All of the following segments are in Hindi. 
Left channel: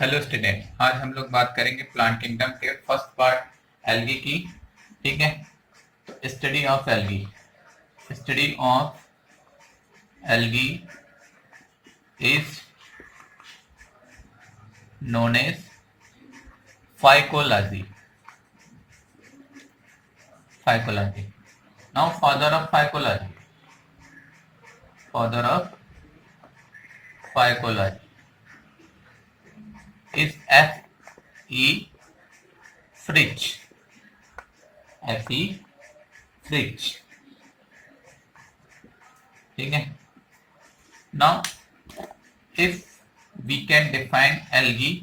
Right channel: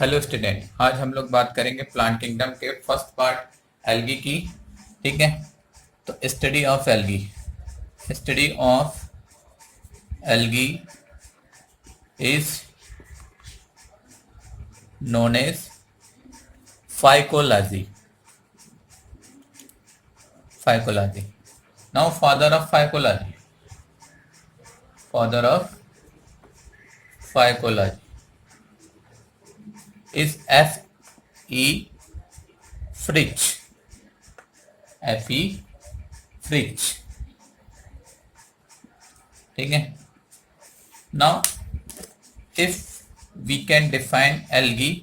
हेलो स्टूडेंट, आज हम लोग बात करेंगे प्लांट किंगडम के फर्स्ट पार्ट एल्गी की। ठीक है, तो study of algae is known as phycology. Now father of phycology is F. E. Fritsch. F. E. Fritsch. ठीक है. Now, if we can define algae,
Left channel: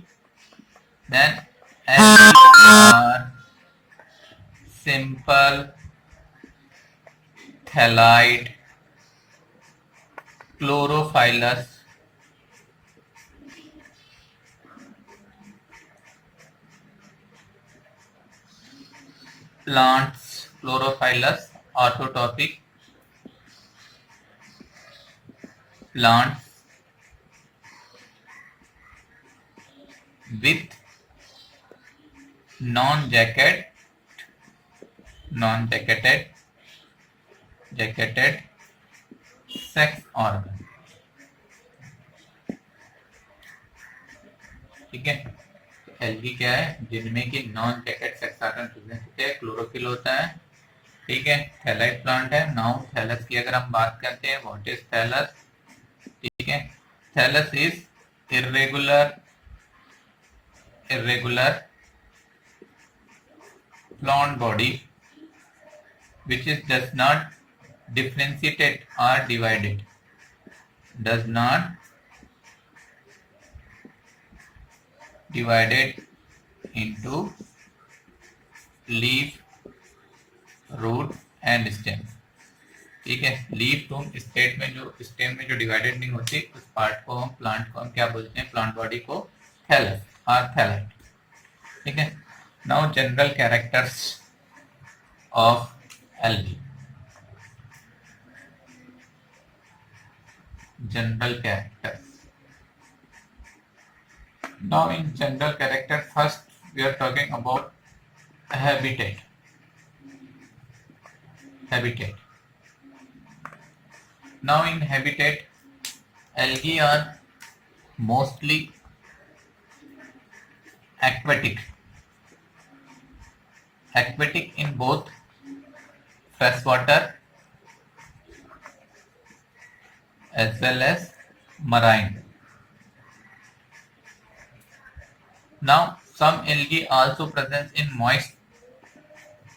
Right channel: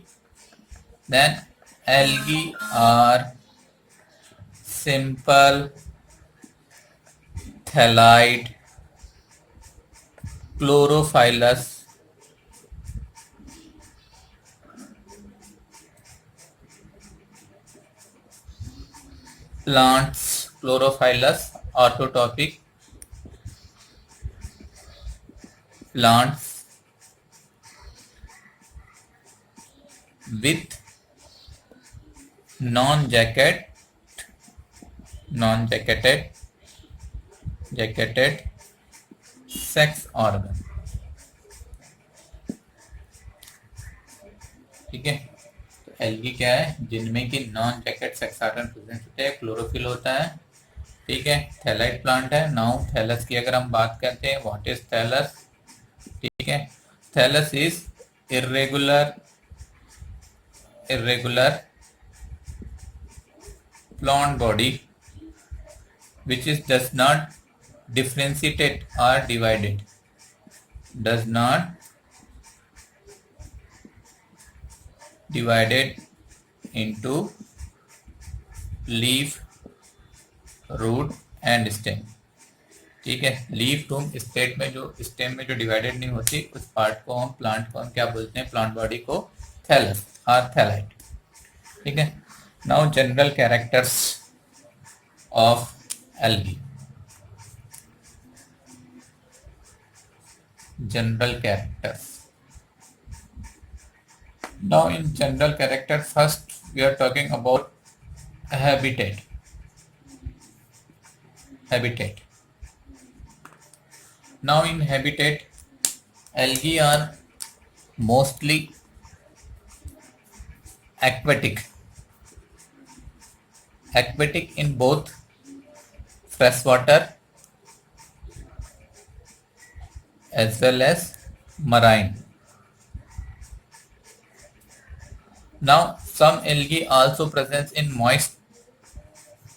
then algae are simple thalide chlorophyllous plants, autotrophic plants with non-jacketed sex organ. ठीक है, एल्गी क्या है? जिनमें कि non jacket sex organ present होते हैं, क्लोरोफिल होता है। ठीक है, थैलाइड प्लांट है। नाउ थैलस की अगर हम बात करते हैं, व्हाट इज थैलस? ठीक है, thallus is irregular plant body which is does not differentiate or divided into leaf, root and stem. ठीक है, लीफ टूम स्टेट में जो स्टेम में जो डिवाइडेड नहीं होती, उस पार्ट को हम प्लांट को हम क्या बोलते हैं? प्लांट बॉडी को थैलस और थैलाइड। ठीक है, now general characters of algae. General characters. Now in general character, first we are talking about habitat. Now in habitat, algae are mostly aquatic in both freshwater as well as marine. Now some algae also present in moist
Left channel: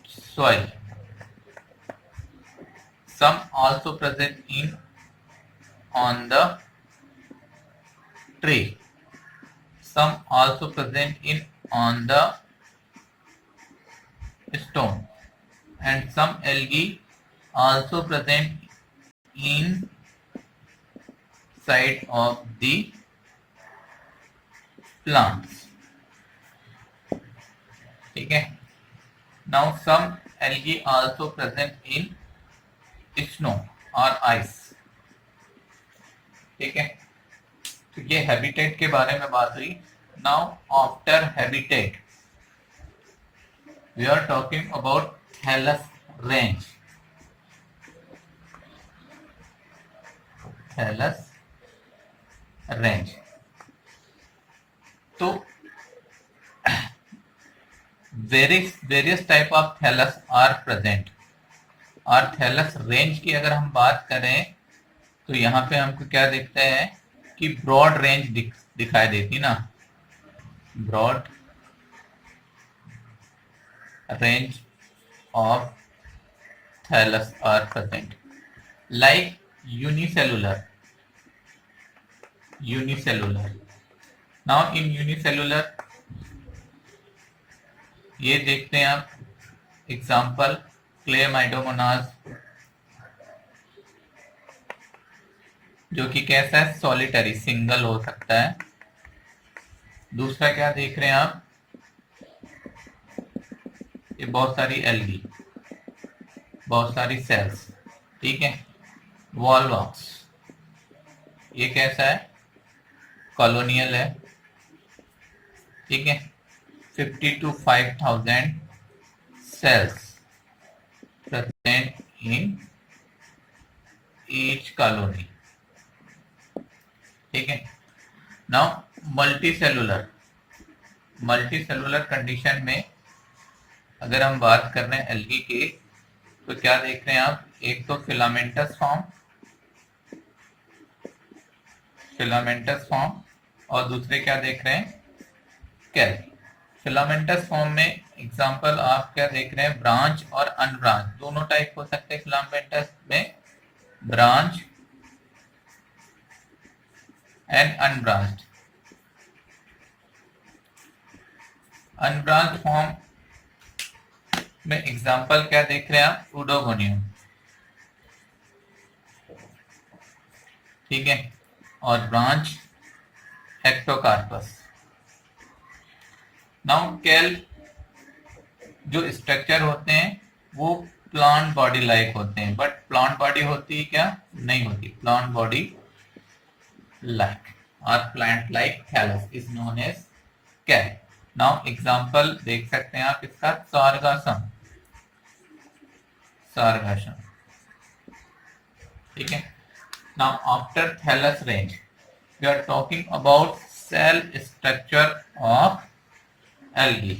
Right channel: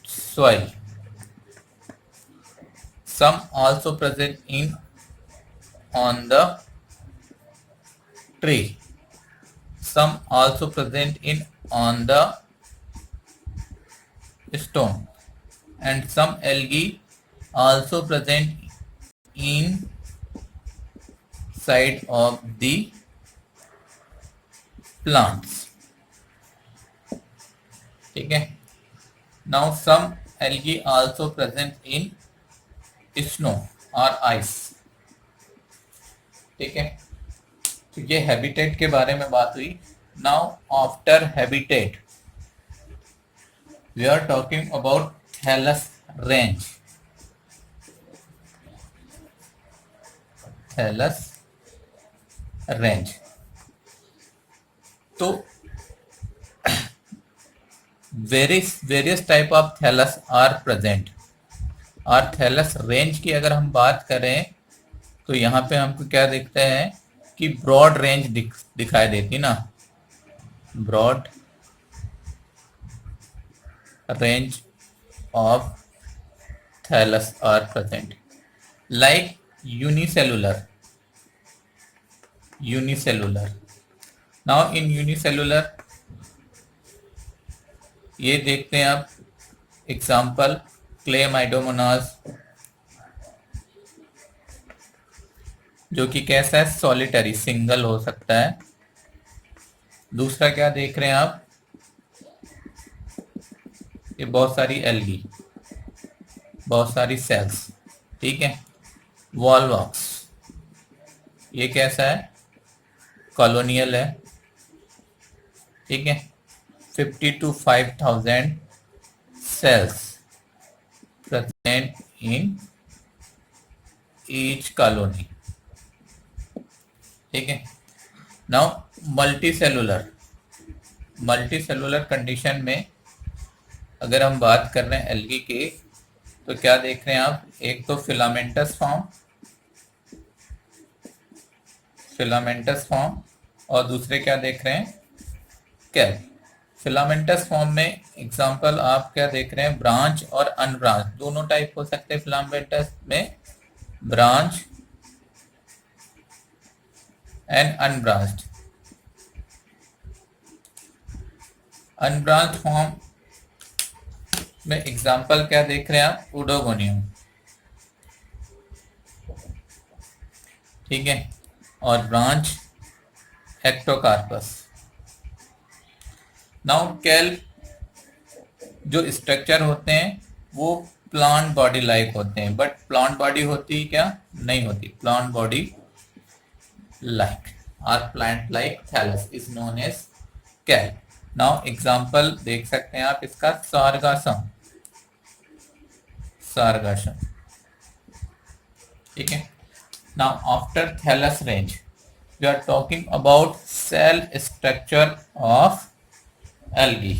soil. Some also present on the tree. Some also present on the stone. And some algae also present inside of the plants. ठीक है, now some algae also present in snow or ice. ठीक है, तो ये हैबिटेट के बारे में बात हुई. Now after habitat we are talking about thallus range. तो various type of thallus are present. और थैलस रेंज की अगर हम बात करें तो यहाँ पे हमको क्या दिखता है कि ब्रॉड रेंज दिखाई देती ना. Broad range of thallus are present, like unicellular. Now in unicellular ये देखते हैं आप एग्जाम्पल क्लेमाइडोमोनास, जो कि कैसा है? सॉलिटरी, सिंगल हो सकता है. दूसरा क्या देख रहे हैं आप? ये बहुत सारी एल्गी, बहुत सारी सेल्स. ठीक है, वॉलवॉक्स ये कैसा है? कॉलोनियल है. ठीक है, 50 to 5,000 cells present in each colony. ठीक है, नाउ मल्टी सेलुलर कंडीशन में अगर हम बात कर रहे हैं एल्गी की, तो क्या देख रहे हैं आप, एक तो फिलामेंटस फॉर्म और दूसरे क्या देख रहे हैं, कैल। फिलामेंटस फॉर्म में एग्जांपल आप क्या देख रहे हैं, ब्रांच और अनब्रांच दोनों टाइप हो सकते हैं फिलामेंटस में, ब्रांच एंड अनब्रांच फॉर्म में एग्जांपल क्या देख रहे हैं आप, उडोगोनियम, ठीक है, और ब्रांच एक्टोकार्पस। नाउ कैल जो स्ट्रक्चर होते हैं वो प्लांट बॉडी लाइक होते हैं, बट प्लांट बॉडी होती क्या नहीं होती, प्लांट बॉडी लाइक और plant like thallus is known as कैल। नाउ एग्जांपल देख सकते हैं आप इसका, सारगासम, ठीक है। Now after thallus range we are talking about cell structure of algae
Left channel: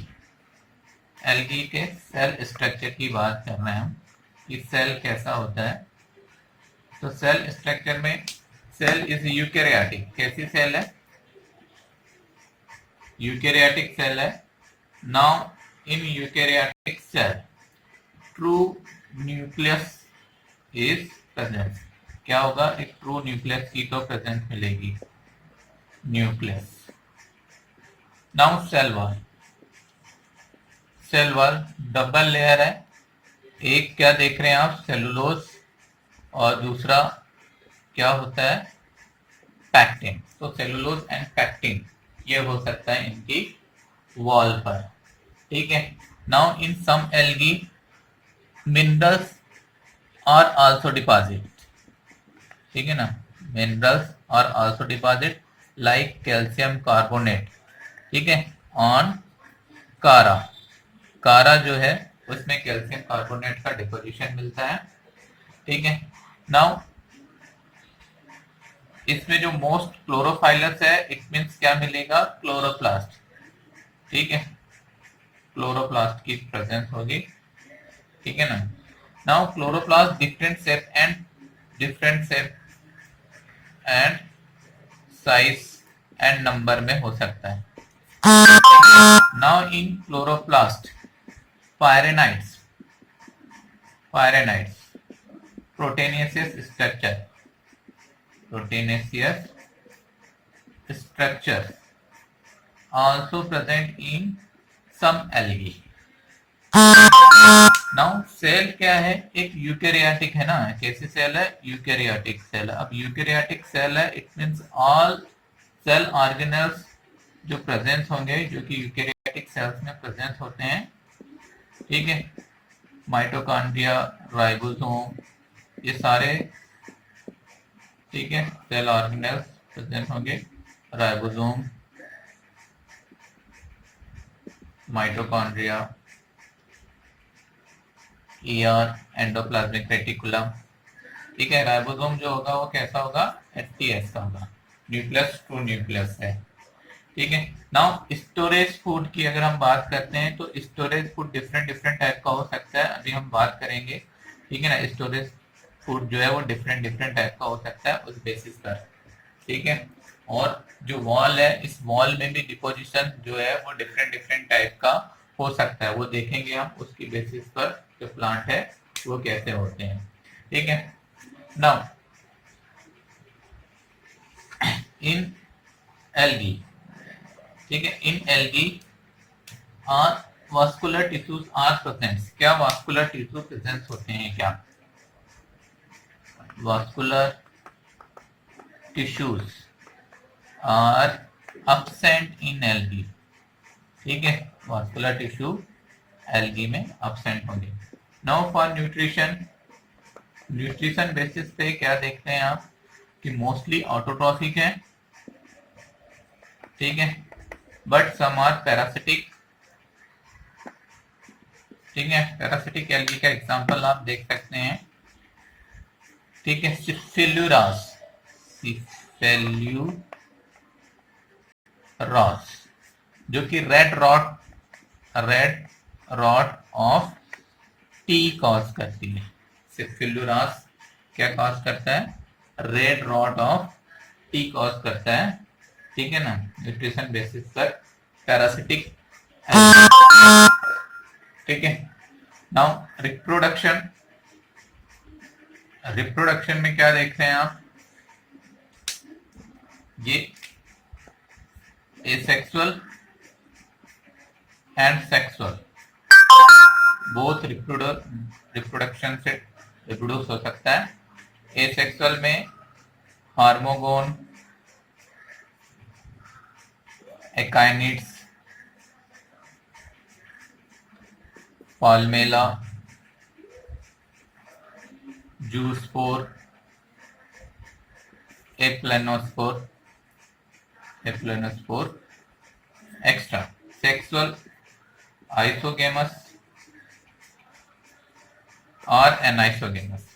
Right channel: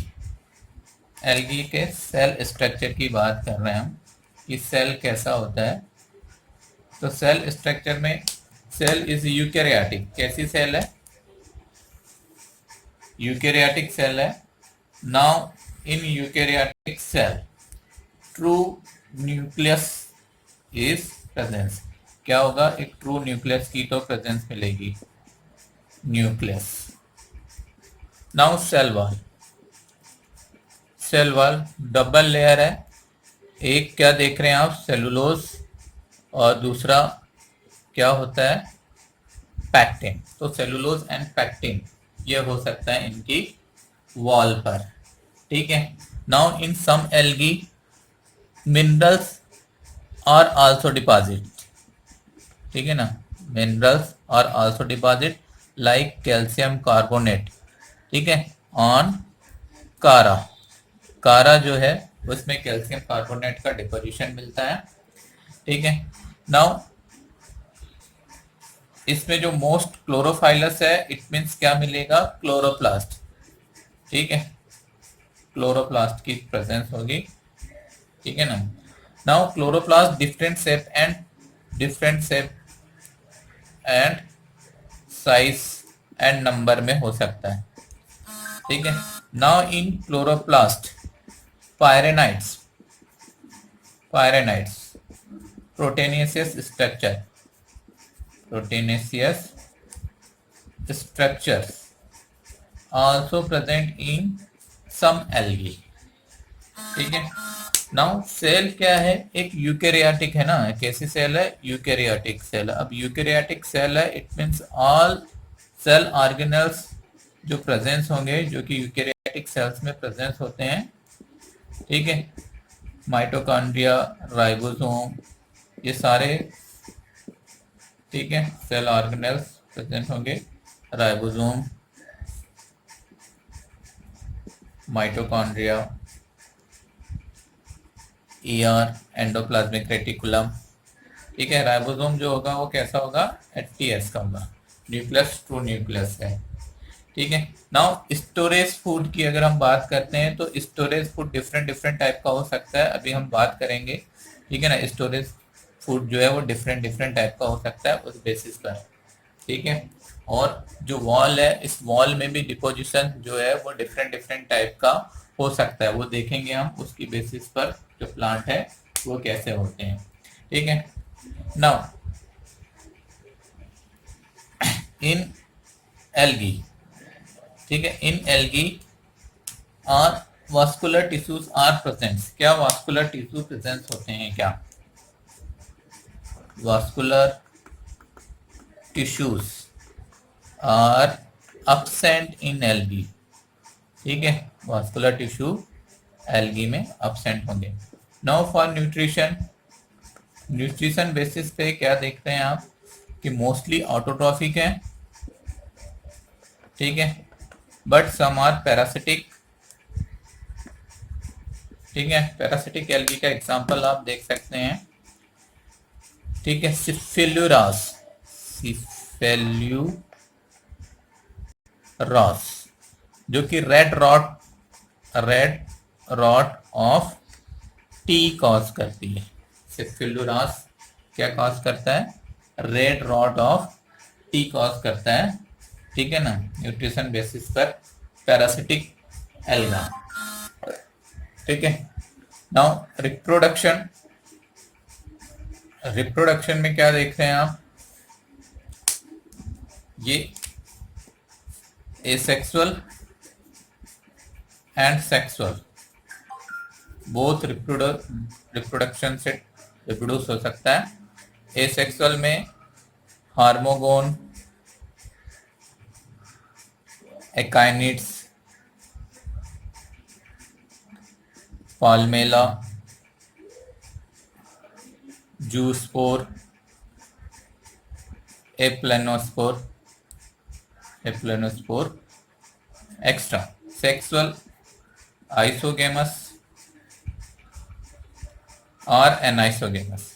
के सेल स्ट्रक्चर की बात कर रहे हैं हम कि सेल कैसा होता है। तो सेल स्ट्रक्चर में सेल इज यूकैरियोटिक, कैसी सेल है, यूकैरियोटिक सेल है। Now in eukaryotic cell true nucleus is presence, क्या होगा, एक ट्रू न्यूक्लियस की तो प्रेजेंस मिलेगी, nucleus. Now cell wall double layer है, एक क्या देख रहे हैं आप, सेलुलोज, और दूसरा क्या होता है, पैक्टिन। तो सेलुलोज एंड पैक्टिन ये हो सकता है इनकी वॉल पर, ठीक है। Now in some algae minerals are also deposit, ठीक है ना, minerals are also deposit like calcium carbonate, ठीक है, ऑन कारा जो है उसमें कैल्शियम कार्बोनेट का डिपोजिशन मिलता है, ठीक है। नाउ इसमें जो मोस्ट क्लोरोफाइलस है, इट मीन्स क्या मिलेगा, क्लोरोप्लास्ट, ठीक है, क्लोरोप्लास्ट की प्रेजेंस होगी, ठीक है ना। Now chloroplast different shape and size and number में हो सकता है, ठीक है। Now in chloroplast pyrenoids proteinaceous structures also present in some algae। Now cell क्या है, एक यूकैरियोटिक है ना, कैसी सेल है, यूकैरियोटिक सेल। अब यूकैरियोटिक सेल है, it means all cell organelles जो प्रेजेंस होंगे, जो कि यूकैरियोटिक सेल्स में प्रेजेंस होते हैं, ठीक है, माइटोकॉन्ड्रिया, राइबोसोम, ये सारे, ठीक है, सेल ऑर्गेनल्स प्रेजेंट होंगे, ribosome, mitochondria, ER, endoplasmic reticulum, ठीक है। राइबोसोम जो होगा वो कैसा होगा, एचटीएस का होगा, न्यूक्लियस ट्रू न्यूक्लियस है, ठीक है। नाउ स्टोरेज फूड की अगर हम बात करते हैं, तो स्टोरेज फूड डिफरेंट टाइप का हो सकता है, अभी हम बात करेंगे, ठीक है ना। स्टोरेज फूड जो है वो डिफरेंट टाइप का हो सकता है उस बेसिस पर, ठीक है। और जो वॉल है, इस वॉल में भी डिपोजिशन जो है वो डिफरेंट टाइप का हो सकता है, वो देखेंगे हम उसकी बेसिस पर जो प्लांट है वो कैसे होते हैं, ठीक है। नाउ इन एल्गी, ठीक है, इन एल्गी और वास्कुलर टिश्यूज आर प्रेजेंट, क्या वास्कुलर टिश्यू प्रेजेंट होते हैं, क्या vascular tissues are absent in algae, ठीक है, वास्कुलर टिश्यू एल्गी में absent होंगे। नाउ फॉर न्यूट्रिशन बेसिस पे क्या देखते हैं आप कि मोस्टली ऑटोट्रॉफिक है, ठीक है, बट सम आर पैरासिटिक। ठीक है, पैरासिटिक एल्गी का एग्जांपल आप देख सकते हैं। ठीक है, सिफेल्यूरास, सिफेल्यूरास जो कि red rot of tea cause करती है। सिफेल्यूरास क्या कॉज करता है? Red rot of tea cause करता है। ठीक है ना, न्यूट्रिशन बेसिस पर पैरासिटिक। ठीक है, नाउ रिप्रोडक्शन में क्या देख रहे हैं आप? ये asexual and sexual both reproduction से रिप्रोड्यूस हो सकता है। एसेक्सुअल में hormogone, akinetes, palmella, zoospore, aplanospore extra. Sexual isogamous और एनाइसोगेमस।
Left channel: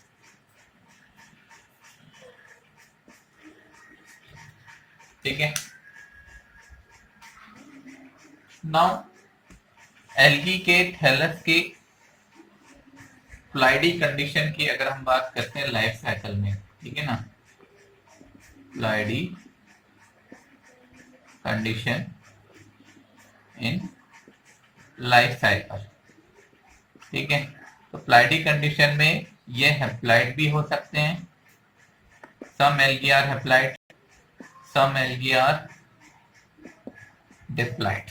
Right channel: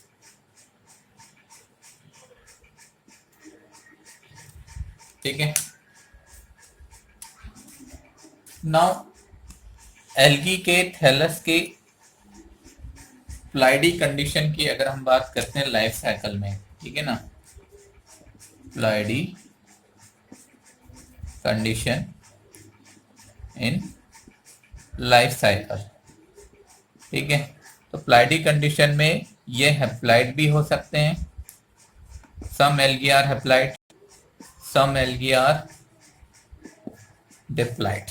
ठीक है, नाउ एल्गी के थैलस के प्लाइडी कंडीशन की अगर हम बात करते हैं लाइफ साइकिल में, ठीक है ना, प्लाइडी कंडीशन इन लाइफ साइकिल। ठीक है, तो प्लाइडी कंडीशन में ये हैप्लाइड भी हो सकते हैं। Some algae are haploid, some algae are diploid.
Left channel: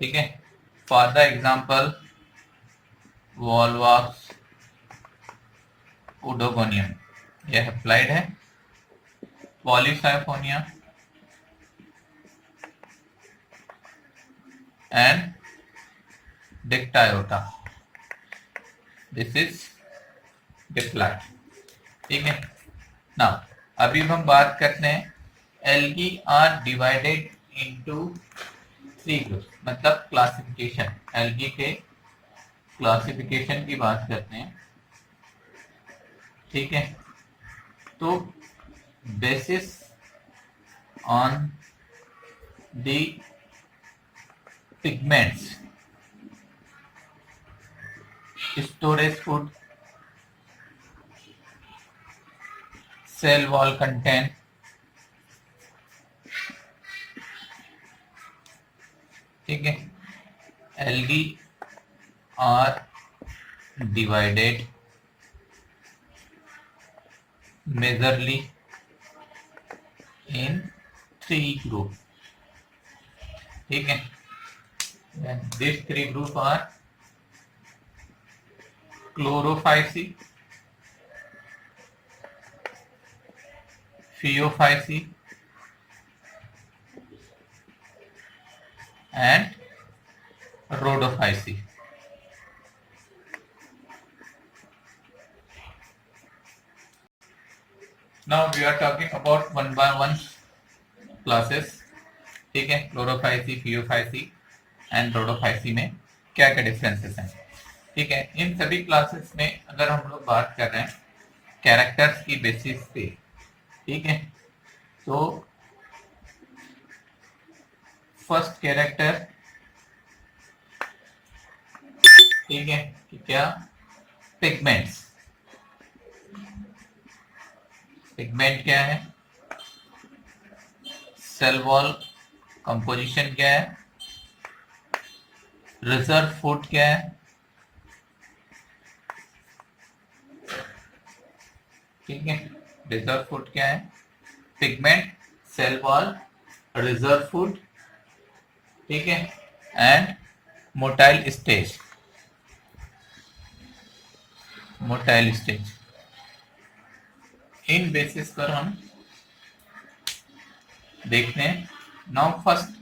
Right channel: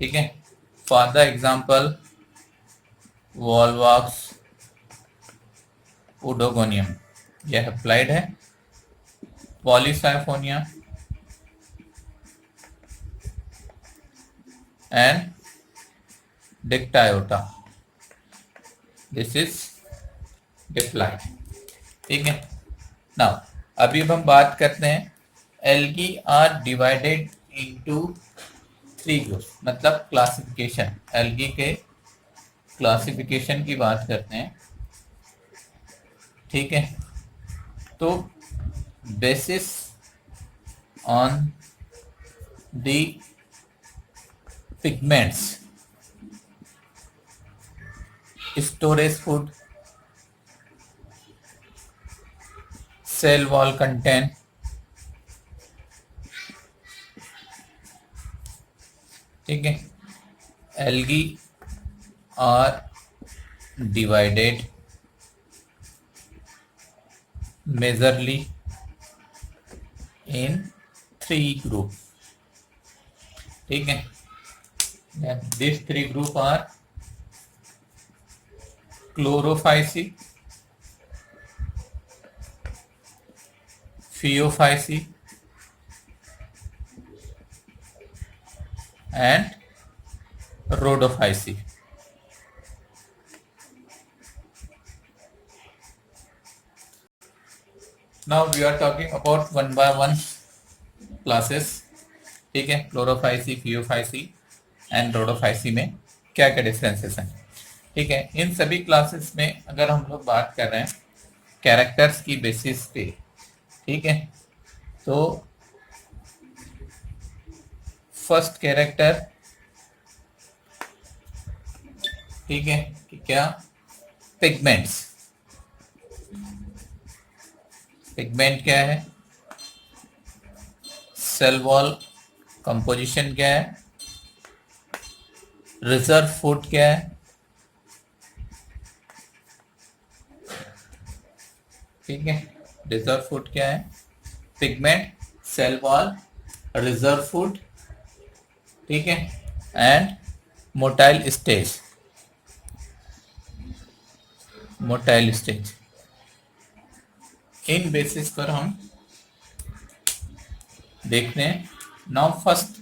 ठीक है, for the example volvox oedogonium, यह हैप्लाइड है। Polysiphonia and dictyota, this is diploid. ठीक है, नाउ अभी हम बात करते हैं algae are divided into 3 groups, मतलब क्लासिफिकेशन। एल्गी के क्लासिफिकेशन की बात करते हैं। ठीक है, तो basis on the pigments, storage food, cell wall content, ठीक है, algae are divided majorly in 3 group. ठीक है, this 3 group are chlorophyceae, phaeophyceae and rhodophysi. Now we are talking about one by one classes. ठीक है, क्लोरोफाइसी, फियोफाइसी एंड रोडोफाइसी में क्या क्या डिफरेंसेस हैं। ठीक है, इन सभी क्लासेस में अगर हम लोग बात कर रहे हैं कैरेक्टर्स की बेसिस पे, ठीक है, तो फर्स्ट कैरेक्टर, ठीक है, कि क्या? पिगमेंट्स। पिगमेंट क्या है? सेल वॉल कंपोजिशन क्या है? रिजर्व फूड क्या है? ठीक है, रिजर्व फूड क्या है? Pigment, cell wall, reserve food, ठीक है, and motile stage. Motile stage, इन बेसिस पर हम देखते हैं। Now first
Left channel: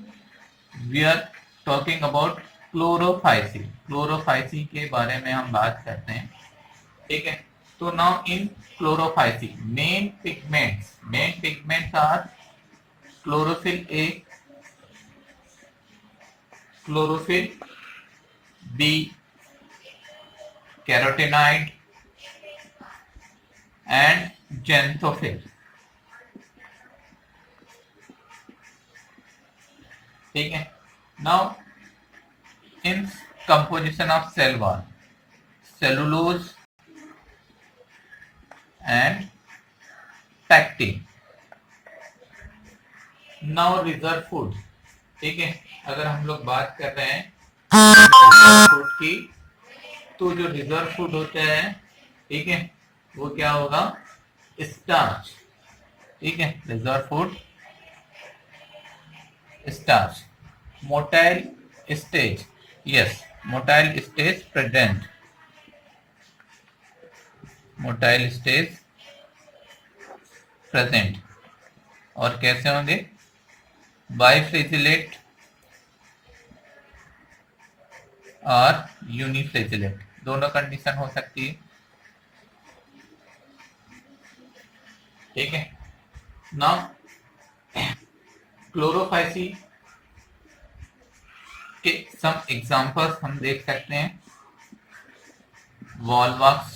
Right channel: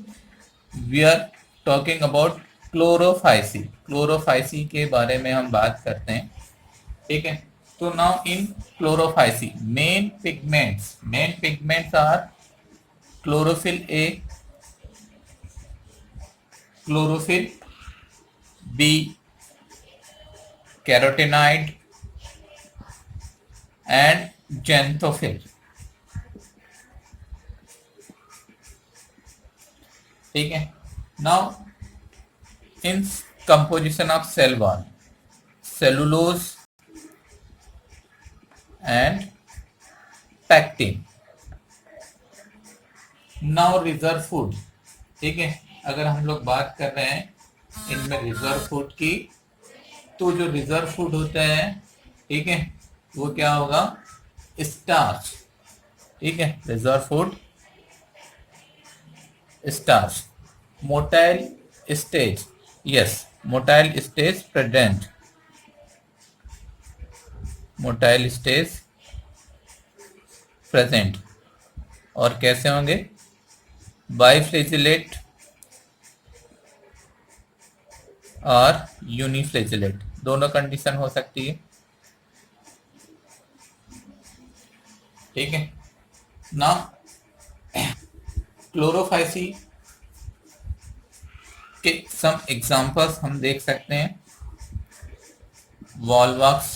we are talking about chlorophyceae. Chlorophyceae के बारे में हम बात करते हैं। ठीक है, तो now in chlorophyceae main pigments are chlorophyll a, chlorophyll, b carotenoid and xanthophyll. ठीक है। Now in composition of cell wall, cellulose and pectin. Now reserve food. ठीक है, अगर हम लोग बात कर रहे हैं रिजर्व फूड की, तो जो रिजर्व फूड होता है, ठीक है, वो क्या होगा? स्टार्च। ठीक है, reserve food starch. Motile stage, yes, motile stage present, motile stage present. और कैसे होंगे? बाइफ्लेजिलेट और यूनिफ्लेजिलेट, दोनों कंडीशन हो सकती है। ठीक है। नाउ क्लोरोफाइसी के सम एग्जांपल्स हम देख सकते हैं। Volvox,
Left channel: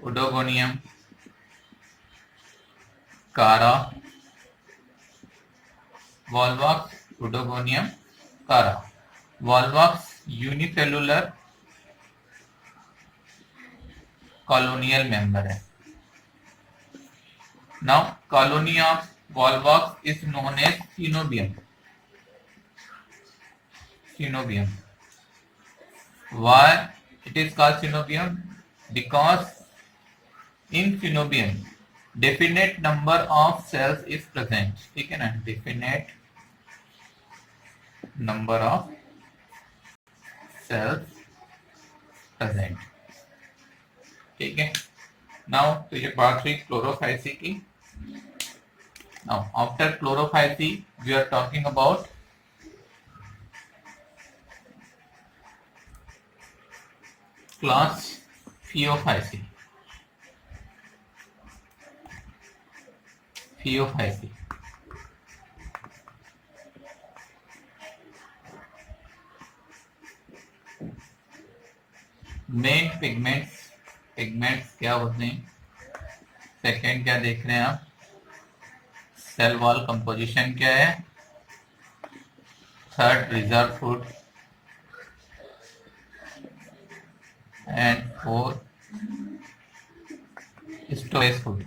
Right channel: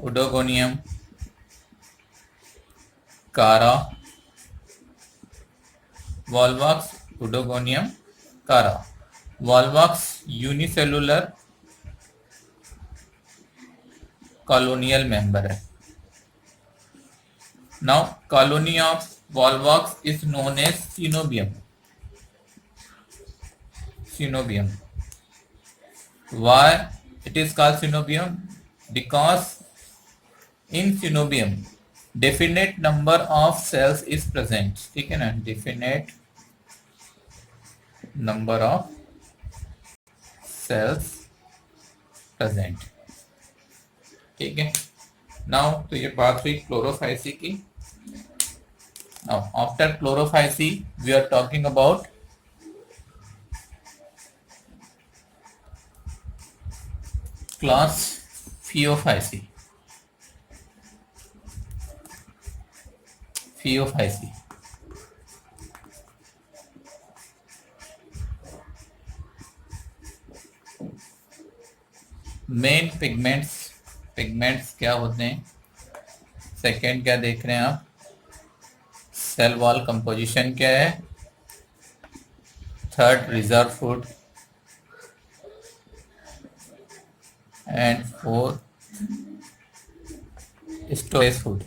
oedogonium, chara, volvox, oedogonium, chara. Volvox unicellular colonial member है। Now colony of volvox is known as coenobium. Synobium. Why it is called synobium? Because in synobium definite number of cells is present. ठीक है ना, definite number of cells present. ठीक है। नाउ तो ये बात हुई क्लोरोफाइसी की। Now after chlorophyceae we are talking about class phaeophyceae. Phaeophyceae main pigments, pigments क्या होते हैं? सेकेंड क्या देख रहे हैं आप? सेल वॉल कंपोजिशन क्या है? Third reserve food and fourth storage food.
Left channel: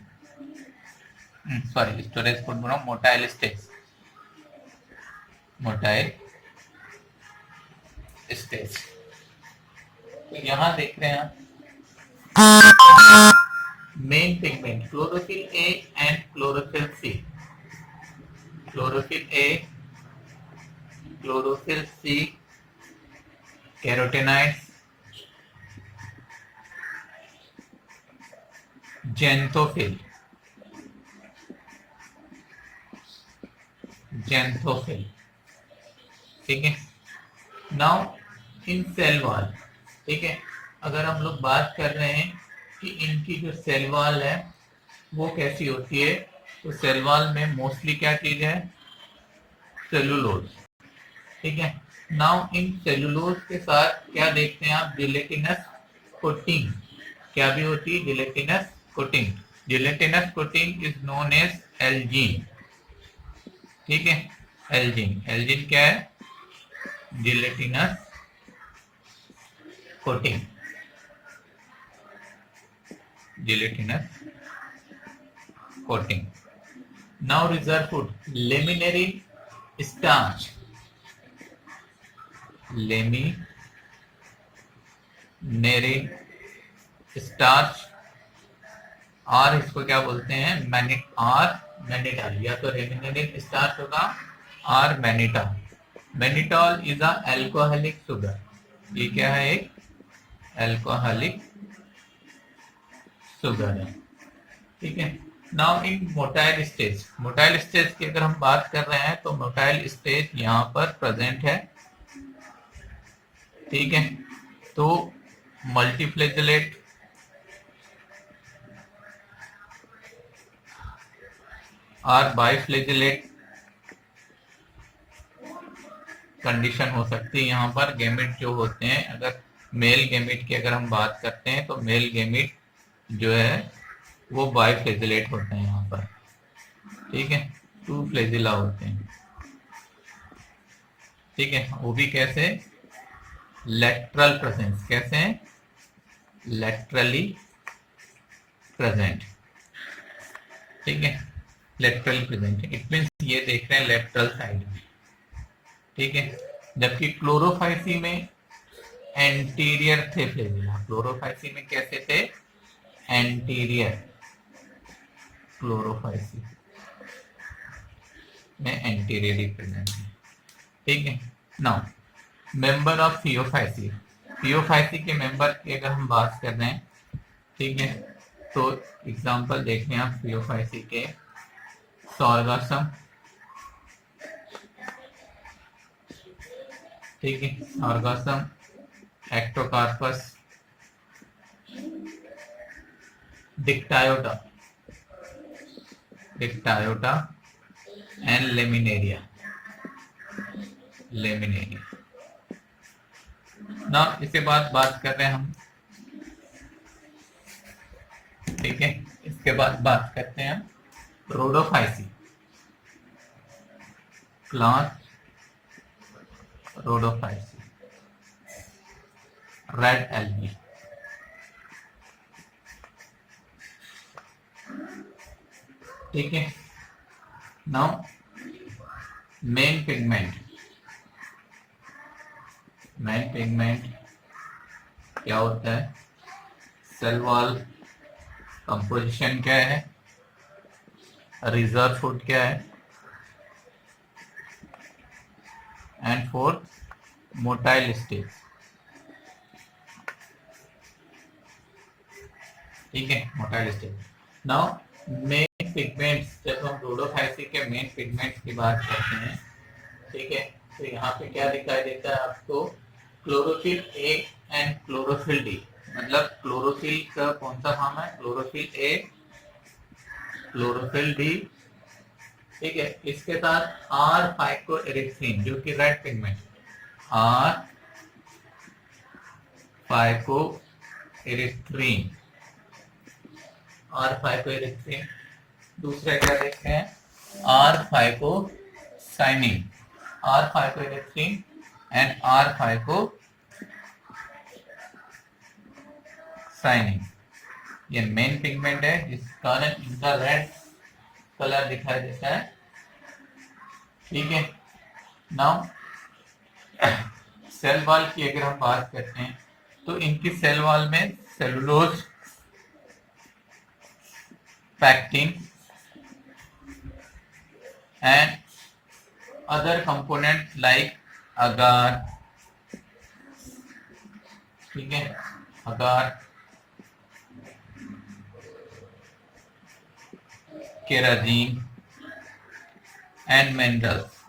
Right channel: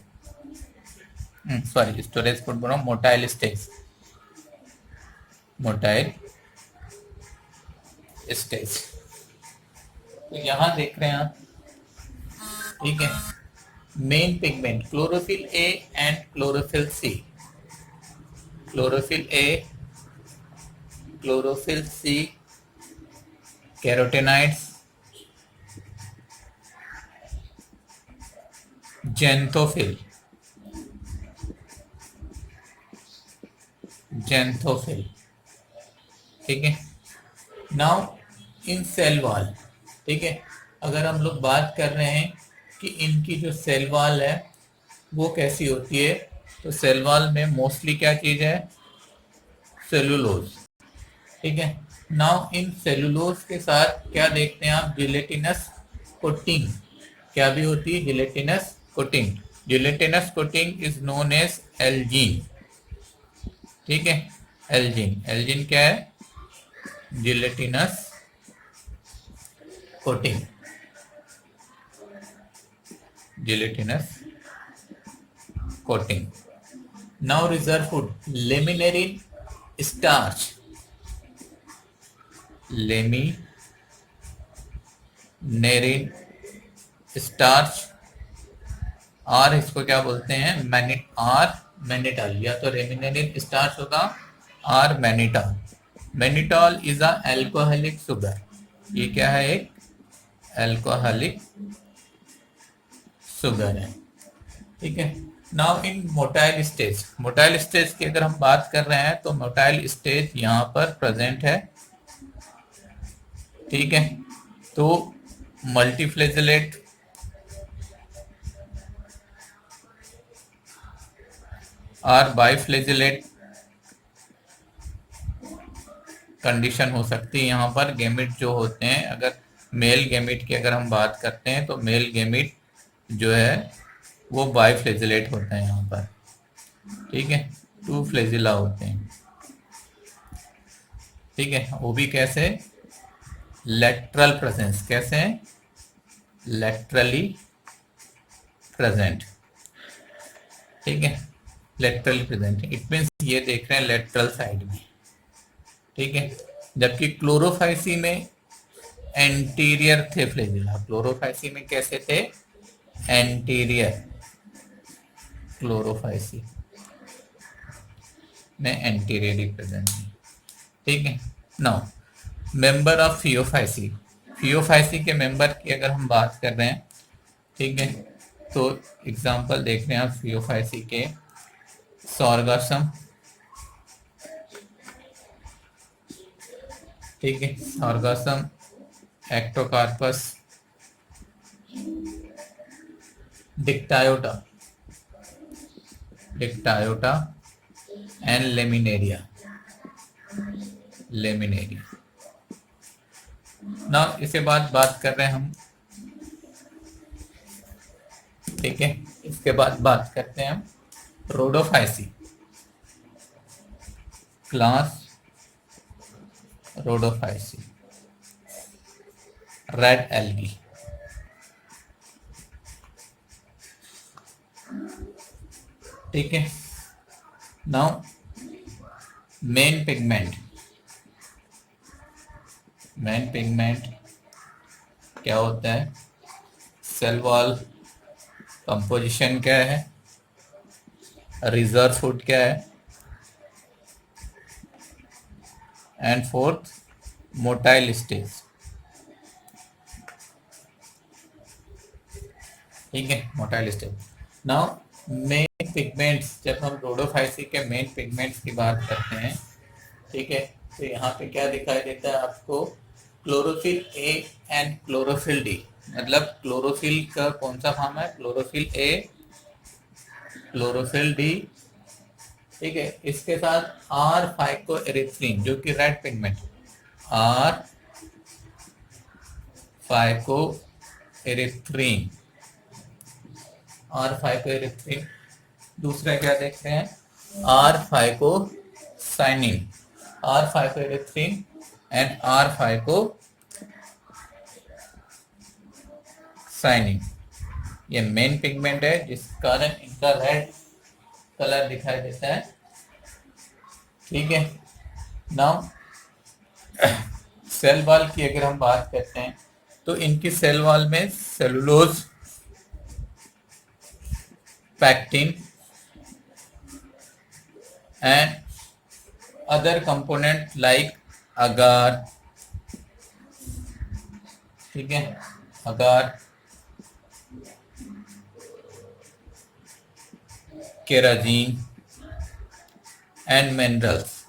Sorry, storage food बोलो, मोटाइल स्टेज, मोटाइल स्टेज। तो यहां देख रहे हैं आप main pigment chlorophyll a and chlorophyll c. Chlorophyll a, chlorophyll c, carotenoids, xanthophyll, xanthophyll. ठीक है। नाउ इन सेल वॉल, ठीक है, अगर हम लोग बात कर रहे हैं कि इनकी जो सेल वॉल है वो कैसी होती है, तो सेल वॉल में मोस्टली क्या चीज है? सेलुलोज। ठीक है। नाउ इन सेलुलोज के साथ क्या देखते हैं आप? Gelatinous coating. क्या भी होती है? Gelatinous coating. Gelatinous coating is known as algin. ठीक है, एल्जीन। एल्जीन क्या है? Gelatinous coating, gelatinous coating. Now reserve food, laminarin starch, laminarin starch, और इसको क्या बोलते हैं? मैनिटॉल, या तो रेमिनेरिन स्टार्च होगा और mannitol. Mannitol is a alcoholic sugar. ये क्या है? एक एल्कोहलिक शुगर है। ठीक है। नाउ इन मोटाइल स्टेज, मोटाइल स्टेज की अगर हम बात कर रहे हैं तो मोटाइल स्टेज यहाँ पर प्रेजेंट है। ठीक है, तो मल्टीफ्लेजिलेट, और बाइफ्लेजिलेट कंडीशन हो सकती है यहाँ पर। गैमेट जो होते हैं, अगर मेल गैमेट की अगर हम बात करते हैं तो मेल गैमेट जो है वो बाइफ्लेजिलेट होते हैं यहाँ पर, ठीक है, 2 फ्लेजिला होते हैं, ठीक है। वो भी कैसे, लेटरल प्रेजेंस, कैसे हैं, लेटरली प्रेजेंट, ठीक है, लेटरली प्रेजेंट। इट मीन्स ये देख रहे हैं लेटरल साइड में, ठीक है। जबकि क्लोरोफाइसी में एंटीरियर थे फ्लेजिला, क्लोरोफाइसी में कैसे थे, एंटीरियर, क्लोरोफाइसी में एंटीरियरली प्रेजेंट है, ठीक है। Now member of Phaeophyceae, Phaeophyceae के मेंबर की अगर हम बात कर रहे हैं, ठीक है, तो एग्जांपल देख रहे हैं आप फियोफाइसी के, सॉर्गासम, ठीक है, सॉर्गासम, एक्टोकार्पस, डिक्टायोटा, डिक्टायोटा एंड लेमिनेरिया, लेमिनेरिया। ना इसके बाद बात कर रहे हैं हम, ठीक है, इसके बाद बात करते हैं हम Rhodophyceae, class Rhodophyceae, red algae, ठीक है। Now main pigment, main pigment क्या होता है, सेल वॉल कंपोजिशन क्या है, रिजर्व फूड क्या है, एंड फोर्थ मोटाइल स्टेज, ठीक है, motile stage. Now main pigments, जब हम रोडोफाइसी के मेन पिगमेंट्स की बात करते हैं, ठीक है, तो यहाँ पे क्या दिखाई देता है आपको, chlorophyll a and chlorophyll D, मतलब क्लोरोफिल का कौन सा फॉर्म है, क्लोरोफिल ए, क्लोरोफिल डी, ठीक है। इसके साथ आर फाइकोएरिथ्रिन जो कि red pigment, R phycoerythrin, R phycoerythrin. दूसरा क्या देख रहे हैं, R phycocyanin, R phycoerythrin and R phycocyanin. ये मेन पिगमेंट है जिस कारण इनका रेड कलर दिखाई देता है, ठीक है। नाउ सेल वॉल की अगर हम बात करते हैं तो इनकी सेल वॉल में cellulose, pectin and other component like agar, ठीक है, agar, carrageenan and minerals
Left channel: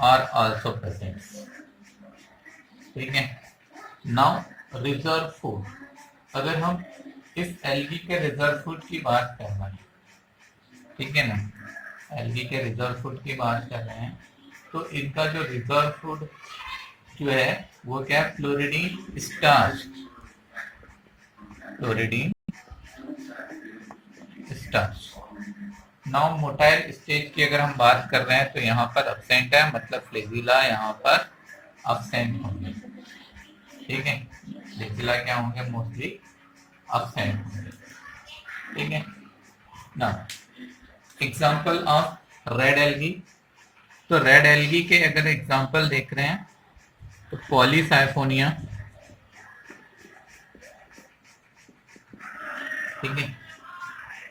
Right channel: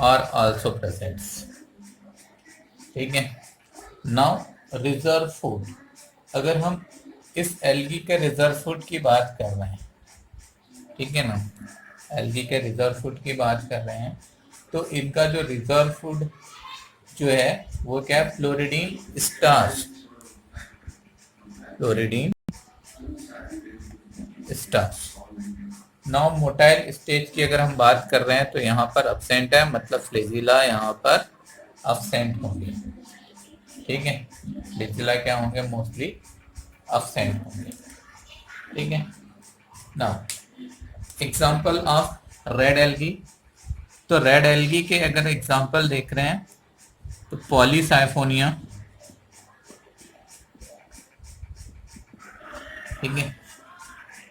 are also presents, ठीक है। नाउ रिजर्व फूड, अगर हम इस एल्गी के रिजर्व फूड की बात कर रहे हैं, ठीक है ना, एल्गी के रिजर्व फूड की बात कर रहे हैं, तो इनका जो रिजर्व फूड जो है वो क्या है, floridean starch, floridean starch. Now motile stage की अगर हम बात कर रहे हैं तो यहाँ पर अब्सेंट है, मतलब फ्लेजिला यहाँ पर अब्सेंट होंगे, ठीक है, फ्लेजिला क्या होंगे, मोस्टली अब्सेंट होंगे, ठीक है ना। एग्जाम्पल ऑफ रेड एल्गी, तो रेड एल्गी के अगर एग्जाम्पल देख रहे हैं तो पॉलीसाइफोनिया, ठीक है,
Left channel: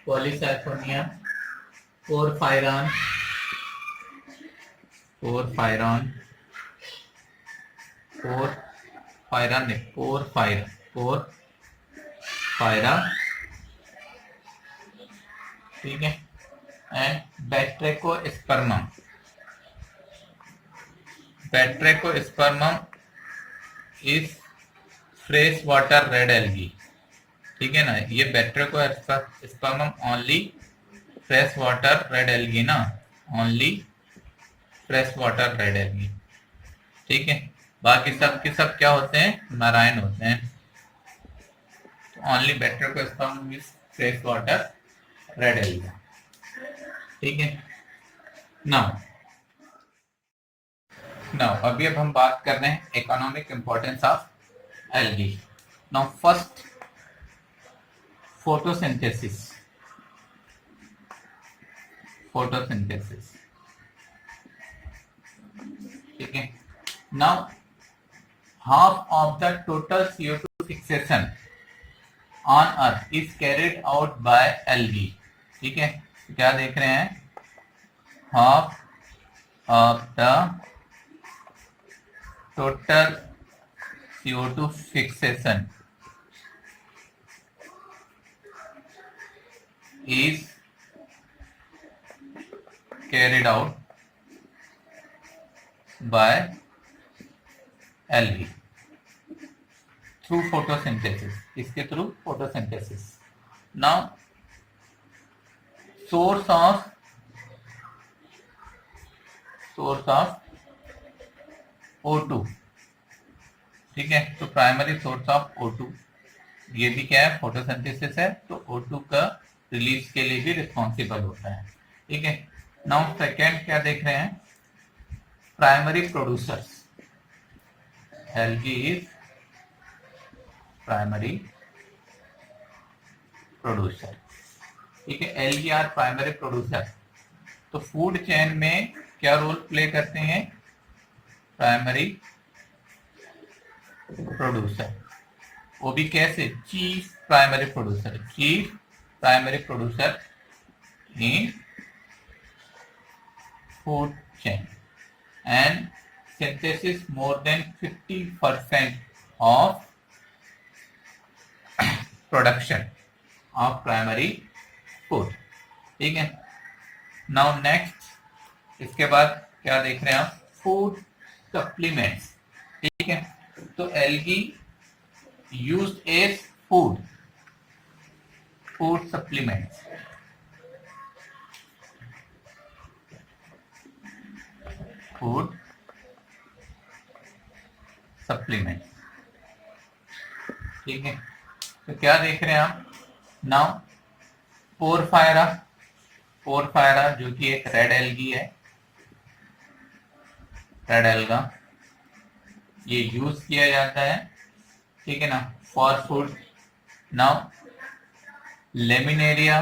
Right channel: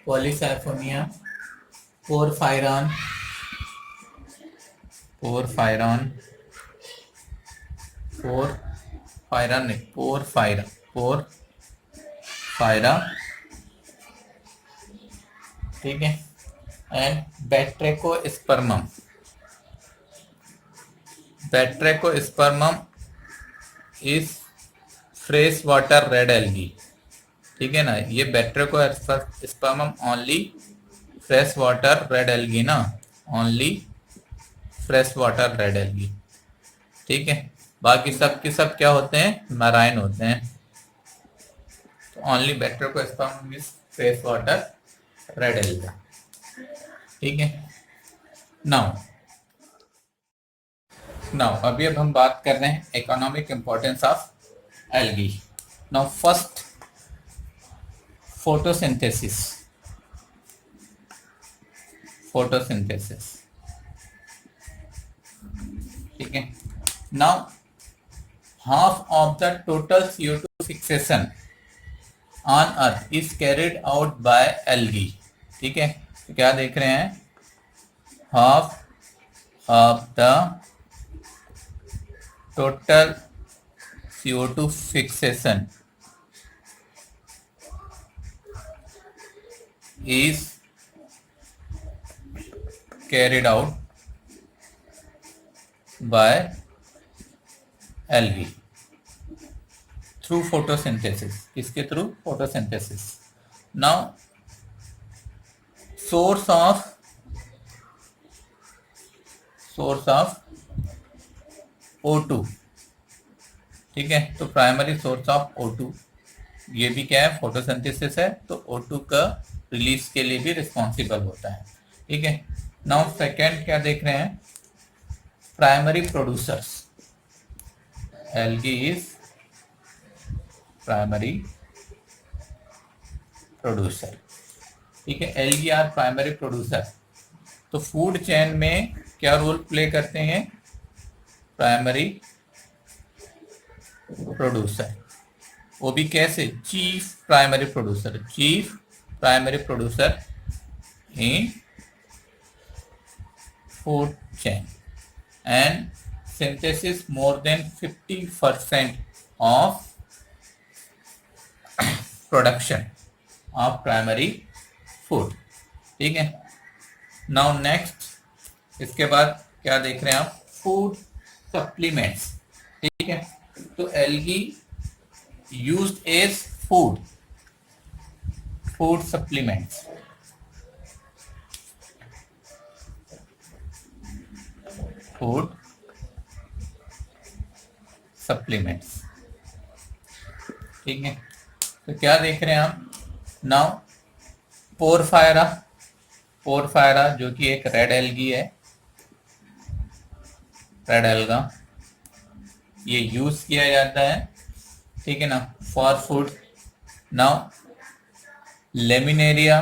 पॉलीसाइफोनिया, पोरफायरॉन, पोरफायरॉन, पोरफायरॉन नहीं, पोरफायरा, पोरफायरा, ठीक है, and batrachospermum, batrachospermum is fresh water red algae, ठीक है ना। ये batrachospermum only fresh water red algae ना, only fresh water red algae, ठीक है, बाकी सब के सब क्या होते हैं, मैराइन होते हैं। Only batrachospermum is fresh water red alga. ठीक है, नाउ नाउ अभी अब हम बात कर रहे हैं economic importance of algae. Now first, photosynthesis. Photosynthesis, ठीक है। Now half of the total CO2 fixation on earth is carried out by algae। ठीक है, तो क्या देख रहे हैं, half of the total CO2 fixation is carried out by algae through photosynthesis। इसके through photosynthesis। now source of O2। ठीक है, तो प्राइमरी सोर्स ऑफ O2, ये भी क्या है, फोटोसिंथेसिस है, तो O2 का रिलीज के लिए भी रिस्पॉन्सिबल होता है। ठीक है, नाउ सेकेंड क्या देख रहे हैं, primary producers. algae is primary producer। ठीक है, algae आर प्राइमरी प्रोड्यूसर, तो फूड चेन में क्या रोल प्ले करते हैं, प्राइमरी प्रोड्यूसर। वो भी कैसे, chief primary producer, chief primary producer in food chain and synthesis more than 50% of production of primary food। ठीक है, नाउ नेक्स्ट, इसके बाद क्या देख रहे हैं आप, फूड सप्लीमेंट्स। ठीक है, तो algae used as food supplements. Food supplements. ठीक है, तो क्या देख रहे हैं आप, नाउ पोरफायरा। पोरफायरा जो कि एक रेड एल्गी है, रेड एल्गा, ये यूज किया जाता है। ठीक है ना, for food. Now laminaria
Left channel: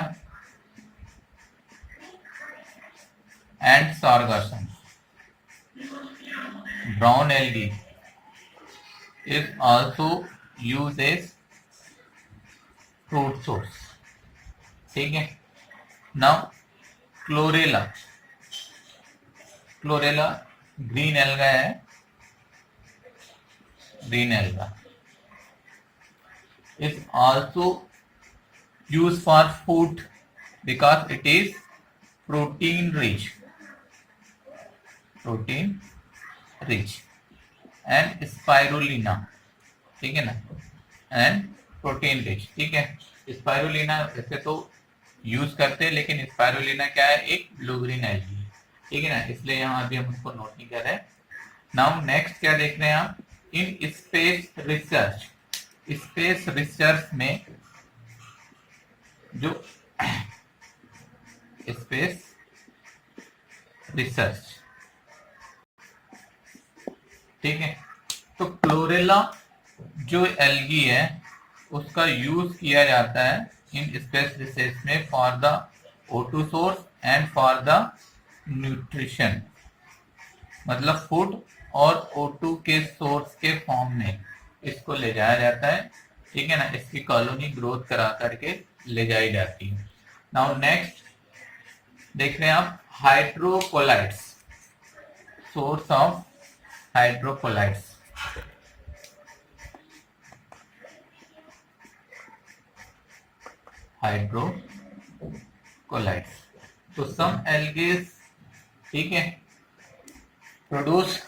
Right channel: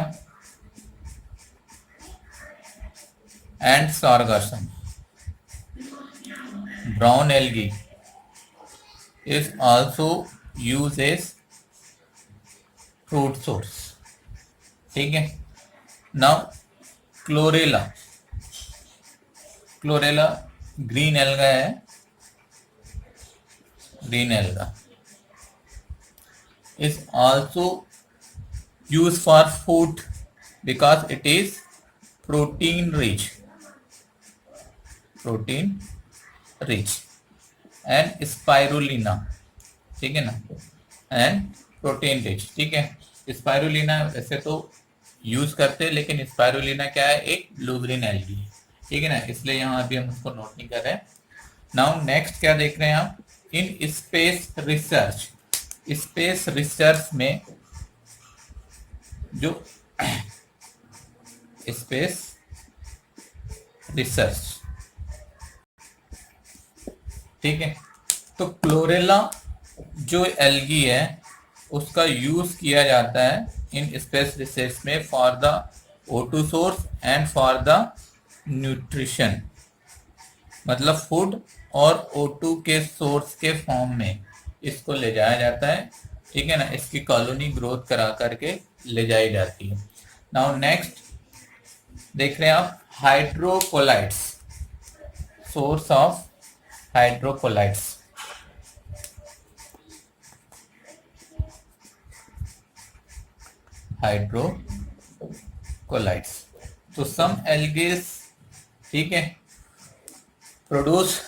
and sargassum, brown algae is also used as fruit source। ठीक है, now chlorella. Chlorella green alga है, green alga is also used for food because it is protein rich, protein rich and spirulina. ठीक है ना, एंड प्रोटीन रिच। ठीक है, स्पाइरुलिना वैसे तो यूज करते हैं, लेकिन स्पाइरुलिना क्या है, एक ब्लू ग्रीन एल्गी है। ठीक है ना, इसलिए यहाँ अभी हम उसको नोट नहीं कर रहे। नाउ नेक्स्ट क्या देख रहे हैं आप, in space research. Space research में जो स्पेस रिसर्च, ठीक है, तो क्लोरेला जो एल्गी है उसका यूज किया जाता है इन स्पेस रिसर्च में for the O2 source and for the nutrition, मतलब फूड और O2 के सोर्स के फॉर्म में इसको ले जाया जाता है। ठीक है ना, इसकी कॉलोनी ग्रोथ करा करके ले जाई जाती है। नाउ नेक्स्ट देख रहे हैं आप, hydrocolloids. Source of hydrocolloids. Hydrocolloids, तो सम एल्गेस, ठीक है, produce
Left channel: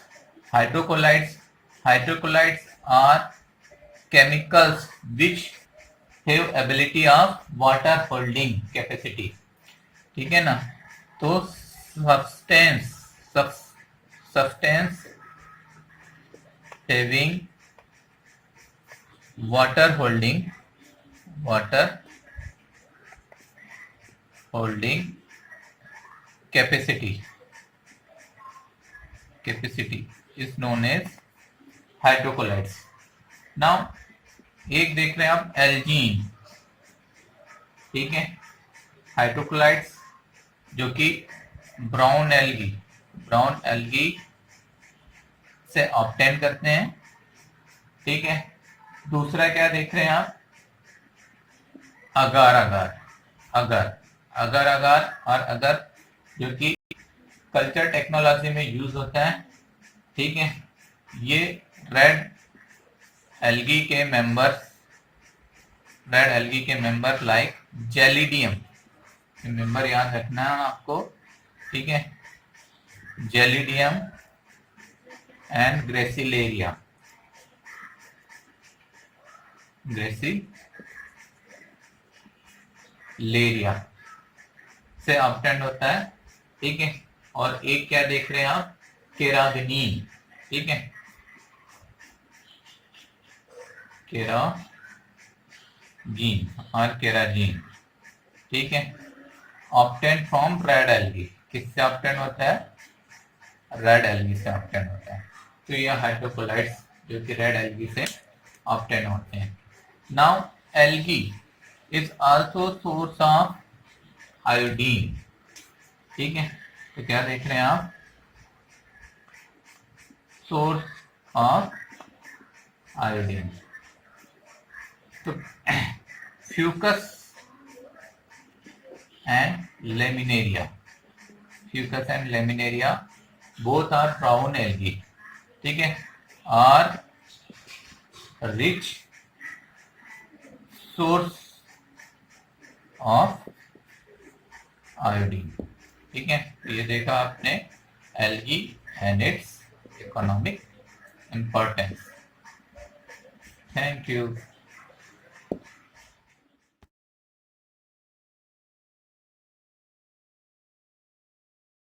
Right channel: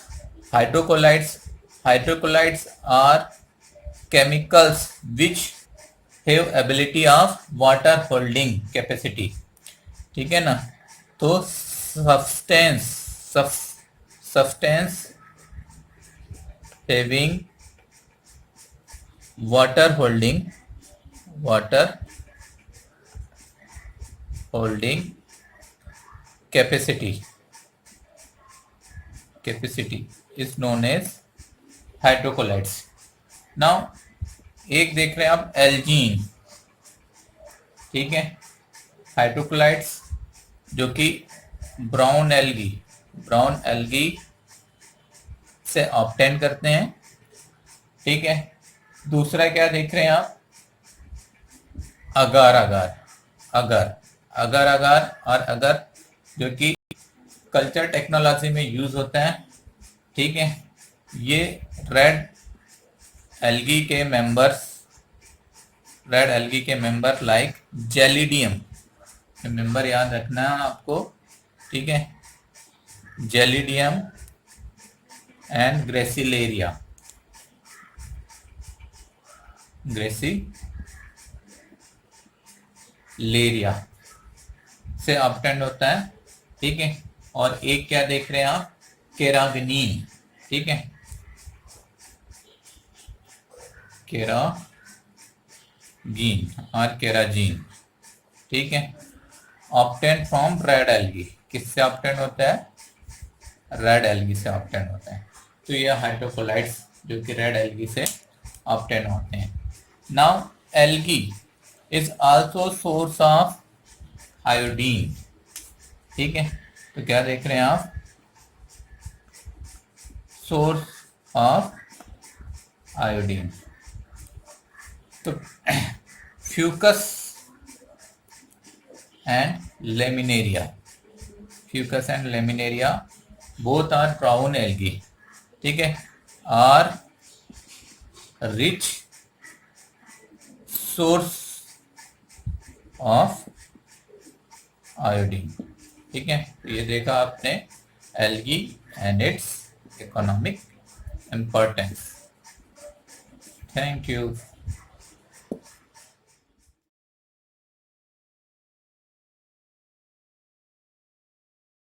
hydrocolloids. Hydrocolloids are chemicals which have ability of water holding capacity. ठीक है ना, तो substance having water holding capacity is known as hydrocolloids. Now एक देख रहे हैं आप एल्जीन, ठीक है, हाइड्रोकोलाइट्स जो कि ब्राउन एल्गी से ऑब्टेन करते हैं, ठीक है. दूसरा क्या देख रहे हैं आप, अगर जो कि कल्चर टेक्नोलॉजी में यूज होता है, ठीक है. ये रेड एल्गी के मेंबर लाइक जेलिडियम, मेंबर याद रखना है आपको, ठीक है, जेलिडियम एंड ग्रेसिलेरिया से ऑब्टेंड होता है, ठीक है. और एक क्या देख रहे हैं आप, केरागिनीन, ठीक है, केराजीन, ठीक है, ऑब्टेन फ्रॉम रेड एल्गी. किससे ऑब्टेन होता है, रेड एल्गी से ऑब्टेन होता है. तो ये हाइड्रोकोलाइट्स जो कि रेड एल्गी से ऑब्टेन होते हैं. Now algae is also source of iodine, ठीक है. तो क्या देख रहे हैं आप, सोर्स ऑफ आयोडीन. तो fucus and laminaria both are brown algae, ठीक है, are rich source of iodine, ठीक है. ये देखा आपने algae and its economic importance. Thank you.